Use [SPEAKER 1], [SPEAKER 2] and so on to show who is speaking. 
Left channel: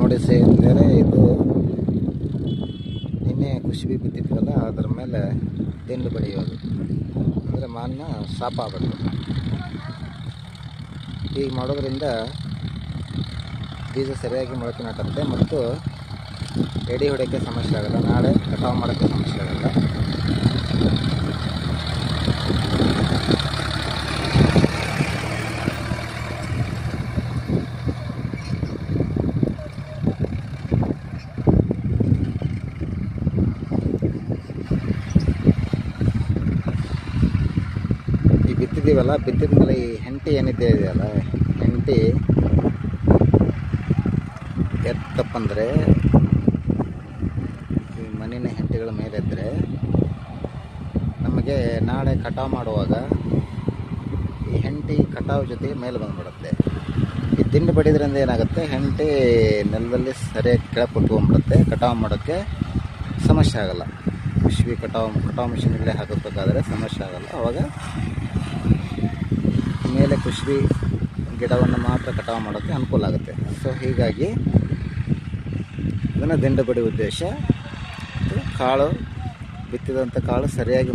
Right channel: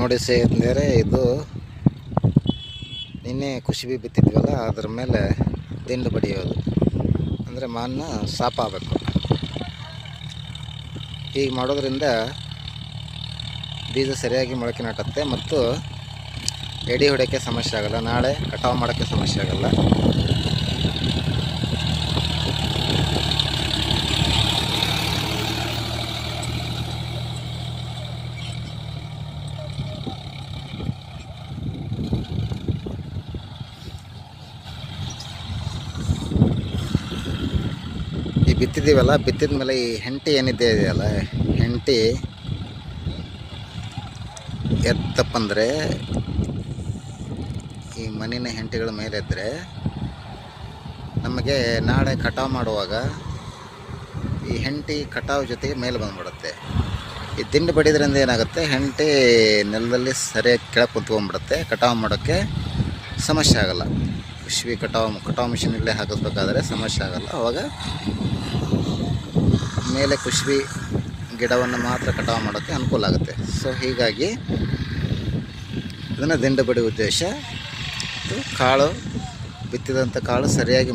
[SPEAKER 1] ನೋಡಿ ಸೇರಿದರೆ ಇದು ನಿನ್ನೆ ಕುಶಿಬಿ ಬಿತ್ತಿದ್ವಲ್ಲ ಅದ್ರ ಮೇಲೆ ದಿಂಡು ಬಡಿಯೋದು. ಅಂದರೆ ಮಣ್ಣು ಸಾಪ ಆಗಬೇಕು ಹೀಗೆ ಮಾಡೋದ್ರಿಂದ ಬೀಜ ಸರಿಯಾಗಿ ಮೊಳಕೆ ನಾಟುತ್ತೆ ಮತ್ತು ಎಡಿ ಹೊಡೆಯೋಕ್ಕೆ ಸಮಸ್ಯೆ ಆಗಲ್ಲ, ನಾಳೆ ಕಟಾವು ಮಾಡೋಕ್ಕೆ ಸಮಸ್ಯೆ ಆಗಲ್ಲ ಈ ಬಿತ್ತಿದ್ದೀವಲ್ಲ, ಬಿತ್ತಿದ ಮೇಲೆ ಈ ಹೆಂಟಿ ಏನಿದೆ ಇದೆಯಲ್ಲ, ಹೆಂಟಿ ಎತ್ತಪ್ಪಂದರೆ ಈ ಮಣ್ಣಿನ ಹೆಂಟಿಗಳ ಮೇಲೆ ಇದ್ದರೆ ನಮಗೆ ನಾಳೆ ಕಟಾವು ಮಾಡುವಾಗ ಈ ಹೆಂಟಿ ಕಟಾವು ಜೊತೆಗೆ ಮೇಲೆ ಬಂದ್ಬಿಡುತ್ತೆ. ಈ ತಿಂಡಿ ಬಡಿದ್ರಿಂದ ಏನಾಗುತ್ತೆ, ಹೆಂಟಿ ನೆಲದಲ್ಲಿ ಸರಿಯಾಗಿ ಕೆಳಗೆ ಕುತ್ಕೊಂಡ್ಬಿಡುತ್ತೆ. ಕಟಾವು ಮಾಡೋಕ್ಕೆ ಸಮಸ್ಯೆ ಆಗಲ್ಲ. ಕೃಷಿ ಕಟಾವು ಕಟಾವು ಮಿಷಿನಲ್ಲೇ ಹಾಕಿಸ್ಬೇಕಾದ್ರೆ ಸಮಸ್ಯೆ ಆಗಲ್ಲ. ಅವಾಗ ಮೇಲೆ ಕುಶ್ಬಿ ಗಿಡವನ್ನು ಮಾತ್ರ ಕಟಾವು ಮಾಡೋಕ್ಕೆ ಅನುಕೂಲ ಆಗುತ್ತೆ. ಸೊ ಹೀಗಾಗಿ ಇದನ್ನು ದಿಂಡು ಬಡಿ ಉದ್ದೇಶ ಕಾಳು, ಬಿತ್ತಿದಂಥ ಕಾಳು ಸರಿಯಾಗಿ